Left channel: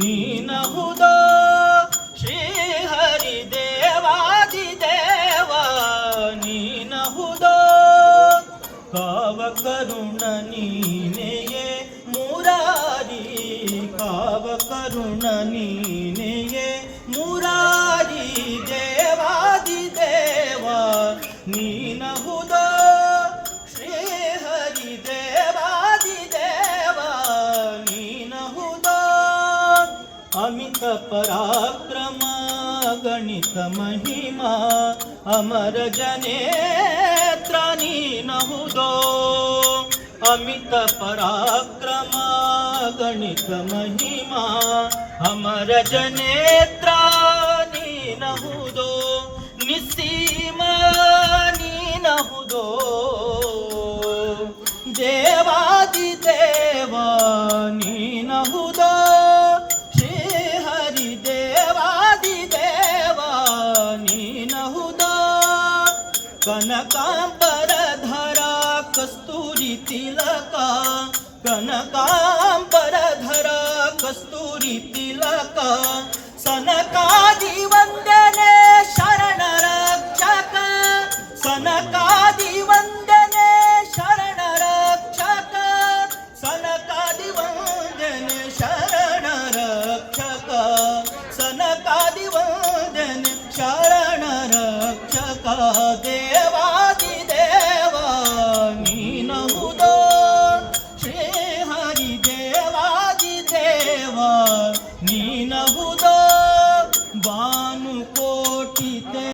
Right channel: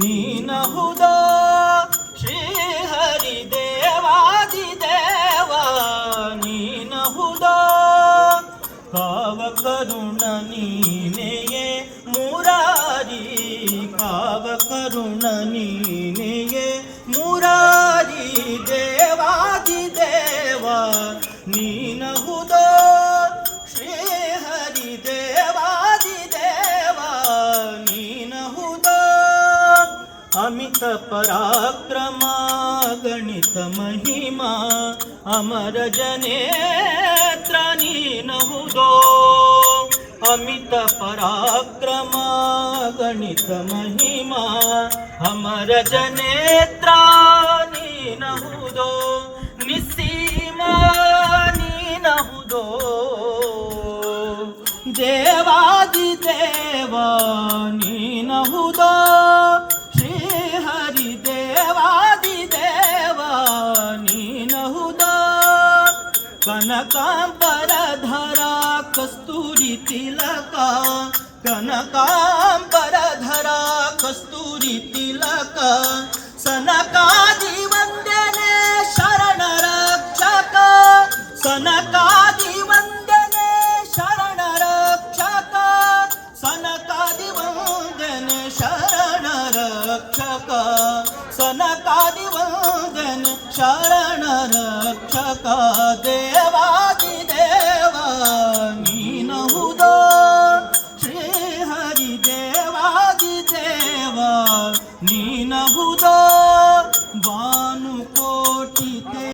ನೀನಹುದೋ ಶ್ರೀ ಹರಿದೇವಾದಿದೇವ ನೀನಹುದೋ ಕಾವ ಕರುಣ ನೀನೆಯೇ ಮುರಾರಿ ಕಾವ ಕರುಣ ನೀನೆಯೇ ಮುರಾರಿ ದೇವಾದಿದೇವ ನೀನಹುದೋ ಶ್ರೀ ಹರಿದೇವಾದಿದೇವ ನೀನಹುದೋ ಅಮಿತ ಪರಾಕ್ರಮ ಗಣಿತ ಮಹಿಮಾ ಅಮರ ಜನೇತ್ರ ನೀನಹುದೋ ಅಮಿತ ಪರಾಕ್ರಮ ಗಣಿತ ಮಹಿಮಾ ಅಮರ ಜನೇತ್ರ ನೀನಹುದೋ ನಿಸ್ಸೀಮ ನೀನಹುದೋ ದೇವಾದಿದೇವ ನೀನಹುದೋ ಶ್ರೀ ಹರಿದೇವಾದಿದೇವ ನೀನಹುದೋ ಕನಕಾಂಬರಧರ ಕಸ್ತೂರಿ ತಿಲಕ ಕನಕಾಂಬರಧರ ಕಸ್ತೂರಿ ತಿಲಕ